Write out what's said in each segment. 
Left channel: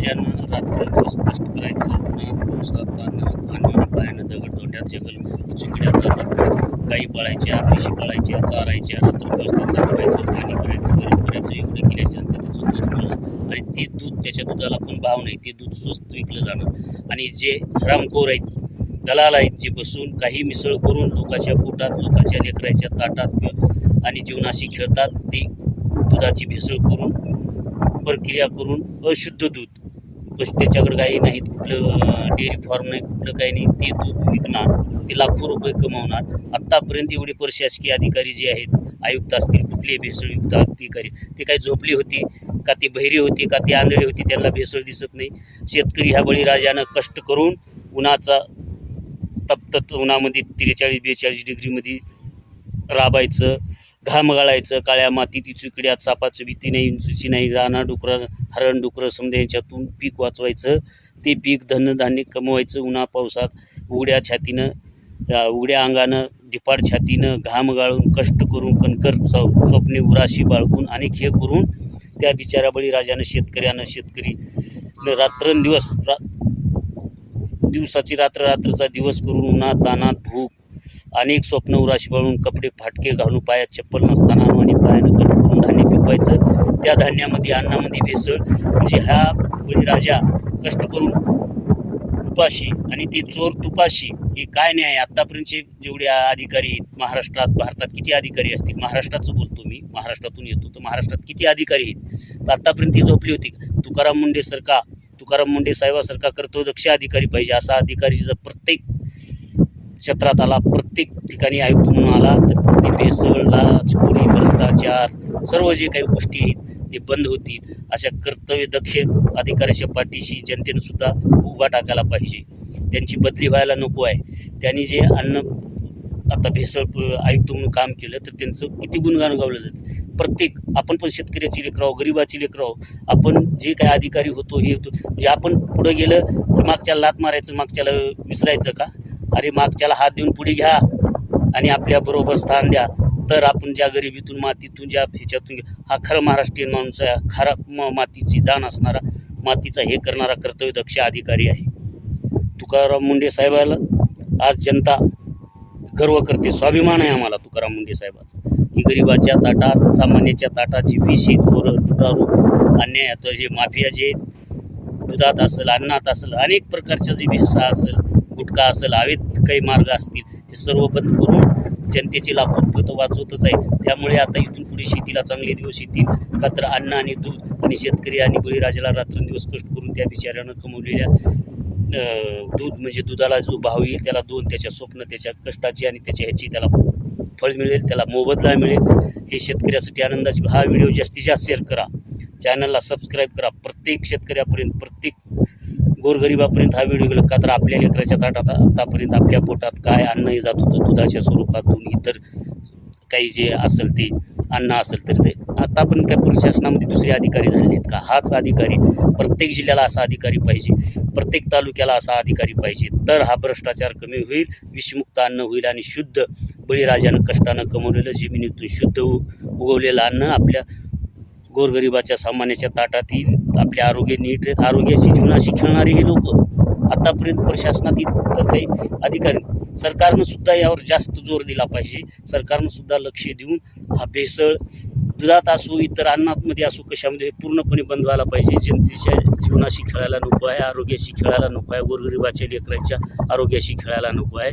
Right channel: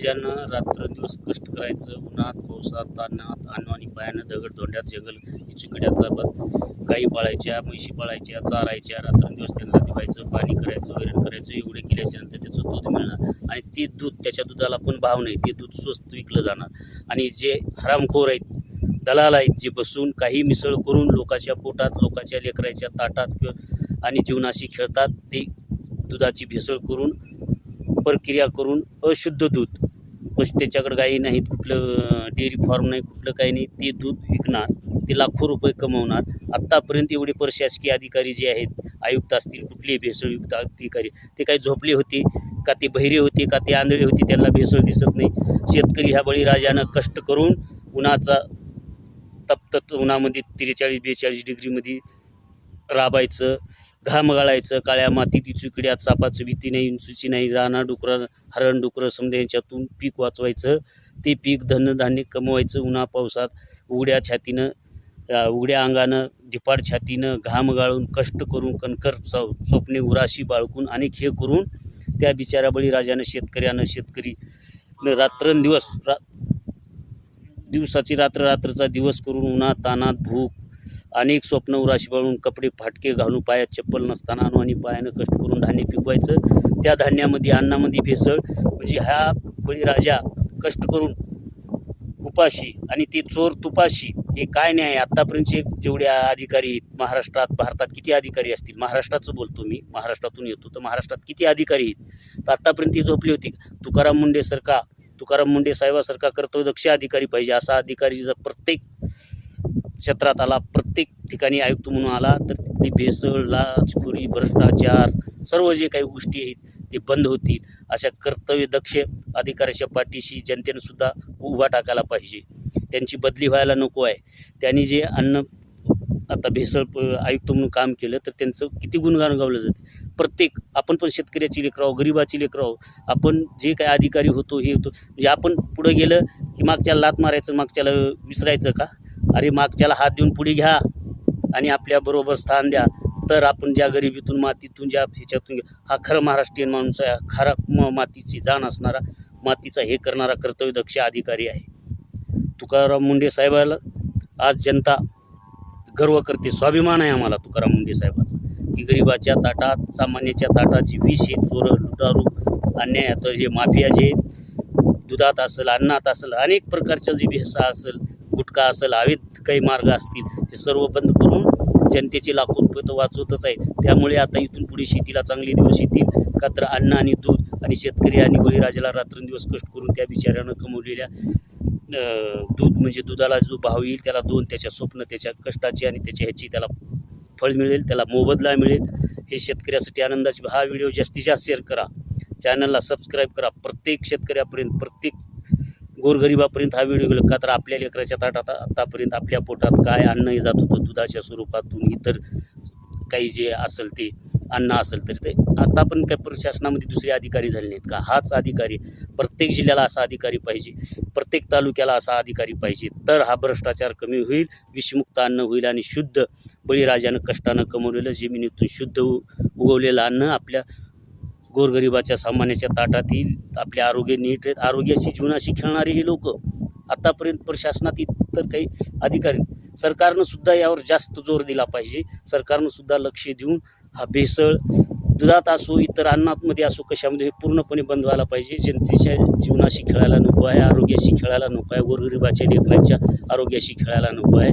बळीराजानं रात्रदिवस कष्ट करायचं, उन्हात पावसात तान्हात आणि पायानं दगड तोंड्यात जगल चिकड्या चालत, गाई पाळायच्या, म्हशी पाळायच्या, चारायच्या, रात्रदिवस त्यांना बघायचं, पाणी करायचं, वैरण करायचं, एवढे केल्याच्या नंतर त्याचं दूध मिळणार आणि ते दूध त्याच्या दुधाला पण भाव नाही, ते दूध स्वस्त विकलं जाणार. आणि जे हरामखोर आहेत, दलाल आहेत, जे बसून काही मिसळ करून लोकांच्या पोटात, लोकांच्या लेकराच्या ताटात आणि जीवनाशी खेळतात, ते दुधाची भेसळ करून, प्रक्रिया करून अशुद्ध दूध, त्याच्याकडे काही नाहीत, कुठलं डेअरी फार्म नाही, कुठलं काही नाही, ते दूध विकणार, ते लाखो रुपये कमवणार. आत्तापर्यंत एवढे प्रशासकीय अधिकारी जे आहेत, आयुक्त असतील, कुठलेही भेसळयुक्त अधिकारी, ते काही झोपले होते का, ते बहिरे होते का, ते आंधळे होते, त्यांना भेसळ दिसत नाही. शेतकरी ह्या बळीराजानं कष्ट करून उन्हाचा तप्त उन्हामध्ये 43-42 डिग्रीमध्ये राबायचं, घाम गाळायचं, काळ्या मातीत चिकड्यात, सापाचं भीती नाही, इंचूची नाही, राणा डुकरं, हरण डुकरं समजा यांच्यातून पीक वाचवायचं, ते पीक धनधान्य कमवायचं, उन्हा पावसात उघड्या छातीनं, उघड्या अंगानं, धिपाड छातीनं, घाम गाळून, कष्ट करून, कणकर स्वप्ने उराशी बाळगून, अनेक हे करून त्या बिचाऱ्या बळीराजानं शेतकरी रात्रंदिवस, दिवसाची रात्र, रात्रचा दिवस करून, उन्हात तानात, भूक, अनेक स्वप्न उराशी बाळून, कपडे फाटके घालून, पायात चप्पल नसताना आणि पायानं कष्ट करून धान्य पिकवायचं. त्या धान्यामध्ये, अन्नामध्ये भेसळ, म्हणजे हा बळीराजा कष्ट करून उपाशी आणि ते चोर तुपाशी, हे काय न्याय? आत्तापर्यंतचे जेवढे अधिकारी आहेत महाराष्ट्रात, भारतात किती अधिकारी असतील, महाराष्ट्राचं बोलतो मी, महाराष्ट्रातून येतो, तर महाराष्ट्रात किती अधिकारी आहेत? तर आत्तापर्यंत ते झोपले होते. तुकाराम मुंडे साहेबासारखा कर्तव्यदक्ष अधिकारी पाहिजे. असा अधिकारी जर प्रत्येक क्षेत्रात आला, प्रत्येक ठिकाणी आयुक्त म्हणून आला, तर ते भेसळ, लाचखोरी, भ्रष्टाचार, सर्व जे काही गोष्टी आहेत ते बंद होतील. अशा कर्तव्यदक्ष अधिकाऱ्याच्या पाठीशी जनतेनं सुद्धा उभा टाकायला पाहिजे. त्यांची बदली व्हायला नको आहे. त्यांनी जे आता भेसळ आयुक्त म्हणून काम केलं, तर त्यांचं किती गुणगान गावलं जाते. प्रत्येक, आपण पण शेतकऱ्याची लेकराव, गरिबाची लेकराव, आपण जे काही अधिकारी होतो हे होतो, म्हणजे आपण पुढे गेलं की मागच्याला लात मारायचं, मागच्याला विसरायचं का? अरे मागच्याला हात देऊन पुढे घ्या आणि आपल्याबरोबर स्थान द्या, तर आपण ज्या गरिबीतून, मातीतून, ज्या ह्याच्यातून, हा खरं महाराष्ट्रीयन माणूस आहे, खरा मातीची जाण असणारा, मातीचा हे करणारा कर्तव्यदक्ष अधिकारी आहे. तुकाराम मुंडे साहेबाला आज जनता गर्व करते, स्वाभिमान आहे आम्हाला तुकाराम मुंडे साहेबाचा, की गरिबाच्या ताटात, सामान्याच्या ताटात जी विष, चोर, लुटारू, अन्याय, आता जे माफिया जे दुधात असेल, अन्नात असेल, अनेक प्रकारच्या जे भेसळ असेल, गुटखा असेल, अवैध काही मार्ग असतील, हे सर्व बंद करून जनतेचे लाखो रुपये तर वाचवतच आहे. त्यामुळे आता इथून पुढे शेतीला चांगले दिवस येतील, का तर अन्न आणि दूध, आणि शेतकरी आणि बळीराजाला रात्रंदिवस कष्ट करून त्या बिचाऱ्यानं कमवलेल्या दूध, म्हणजे दुधाला जो भाव येईल त्याला दोन, त्याच्या स्वप्न, त्याच्या कष्टाची आणि त्याच्या ह्याची त्याला फळ मिळेल, त्याला मोबदला मिळेल. हे शेतकऱ्यासाठी आनंदाची. हा व्हिडिओ जास्तीत जास्त शेअर करा, चॅनलला सबस्क्राईब करा, प्रत्येक शेतकऱ्यापर्यंत, प्रत्येक गोरगरिबापर्यंत हा व्हिडिओ गेला, का तर आपल्या लेकराच्या ताटात आतापर्यंत आपल्या पोटात काय अन्न जात होतं दुधाच्या स्वरूपातून, इतर काही जे असेल ते अन्न असेल, तर ते आतापर्यंत काय प्रशासनामध्ये दुसरे अधिकारी झाले आहेत का? हाच अधिकारी, प्रत्येक जिल्ह्याला असा अधिकारी पाहिजे, प्रत्येक तालुक्याला असा अधिकारी पाहिजे, तर हा भ्रष्टाचार कमी होईल, विषमुक्त अन्न होईल आणि शुद्ध बळीराजानं कष्टानं कमवलेलं, जमिनीतून शुद्ध उगवलेलं अन्न आपल्या गोरगरिबाच्या, सामान्याच्या ताटात येईल. आपले आरोग्य नीट, आरोग्याशी, जीवनाशी खेळणारे हे लोक आतापर्यंत प्रशासनात तर काही अधिकारी, सरकारनं सुद्धा यावर जास्त जोर दिला पाहिजे. सरकारनं सुद्धा लक्ष देऊन हा भेसळ दुधात असो, इतर अन्नामध्ये असो, कशामध्ये पूर्णपणे बंद व्हायला पाहिजे. जनतेच्या जीवनाशी खेळायला नको आहे, आरोग्याशी खेळायला नको आहे, गोरगरिबाच्या लेकरांच्या आरोग्याशी खेळायला नको आहे.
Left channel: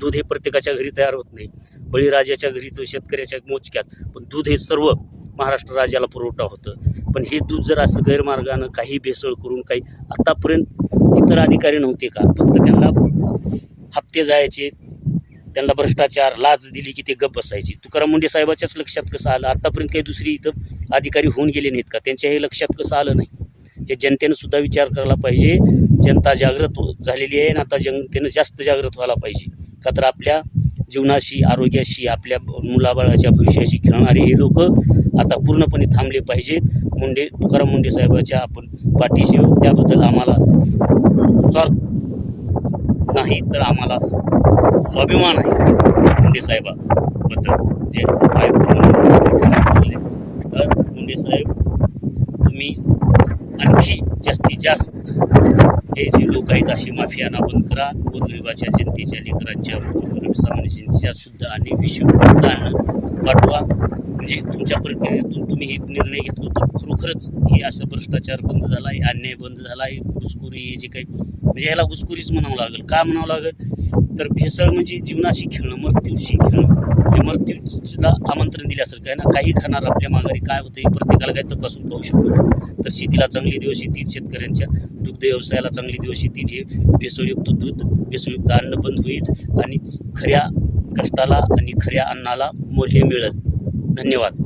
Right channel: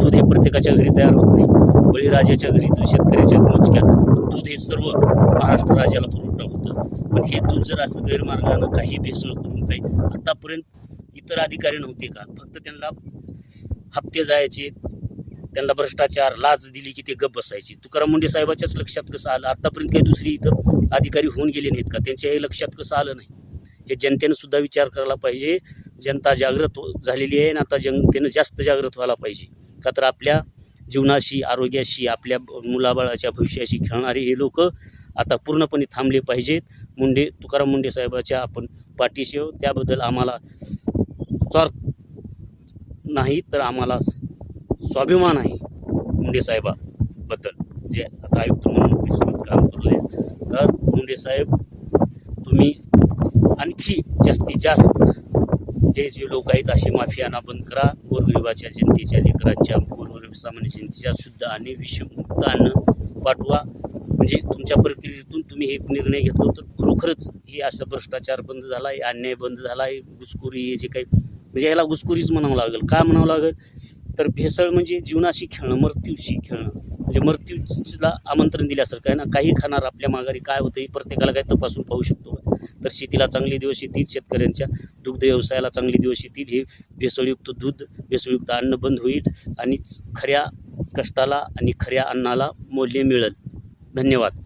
दूध हे प्रत्येकाच्या घरी तयार होत नाही, बळीराजाच्या घरी तर शेतकऱ्याच्या मोजक्यात, पण दूध हे सर्व महाराष्ट्र राज्याला पुरवठा होतं. पण हे दूध जर असं गैरमार्गानं काही भेसळ करून, काही आतापर्यंत इतर अधिकारी नव्हते का? फक्त त्यांना हप्ते जायचे, त्यांना भ्रष्टाचार, लाच दिली की ते गप्प बसायचे. तुकाराम मुंडे साहेबाच्याच लक्षात कसं आलं? आतापर्यंत काही दुसरी इथं अधिकारी होऊन गेले नाहीत का? त्यांच्याही लक्षात कसं आलं नाही? हे जनतेनं सुद्धा विचार करायला पाहिजे. जनता जागृत झालेली आहे आणि आता जनतेनं जास्त जागृत व्हायला पाहिजे, का तर आपल्या जीवनाशी, आरोग्याशी, आपल्या मुलाबाळाच्या भविष्याशी खेळणारे हे लोक आता पूर्णपणे थांबले पाहिजेत. तुकाराम मुंडे साहेबाच्या आपण पाठीशी, त्याबद्दल आम्हाला स्वार्थ नाही तर आम्हाला स्वाभिमान आहे मुंडे साहेबाबद्दल, जे आयुक्त म्हणून. तर मुंडे साहेब, तुम्ही आणखी जास्तीत जास्त हे जे लोक आहेत अशी माफियाना बंद करा. गोरगरिबाच्या जनतेच्या लेकरांच्या गोरगरीब सामान्य जनतेच्या शुद्ध आणि विषयुक्त अन्न पाठवा. म्हणजे तुमच्या प्रक्रियेतून तुम्ही एक निर्णय घेतलो तर खरोखरच हे असं भ्रष्टाचार बंद झाला आहे, अन्याय बंद झाला आहे, घुसखोरी हे जे काही म्हणजे ह्याला घुसखोरीच म्हणावं लागेल. का म्हणावं लागेल तर भेसळ म्हणजे जीवनाशी खेळणं, मृत्यूशी खेळणं, म्हणजे मृत्यूला आमंत्रण दिल्यासारखं आहे ना. काही खाणार आपल्या माघारी काय होतं हे प्रत्येकाला काही तपासून पाहू शकतो. तर शेतीला चांगले दिवस येतील, शेतकऱ्यांच्या दुग्ध व्यवसायाला चांगले दिवस येतील. हे भेसळयुक्त दूध, भेसळयुक्त अन्न बंद होईल आणि खऱ्या कष्टाला आणि खऱ्या अन्नाला मूल्य मिळेल. धन्यवाद.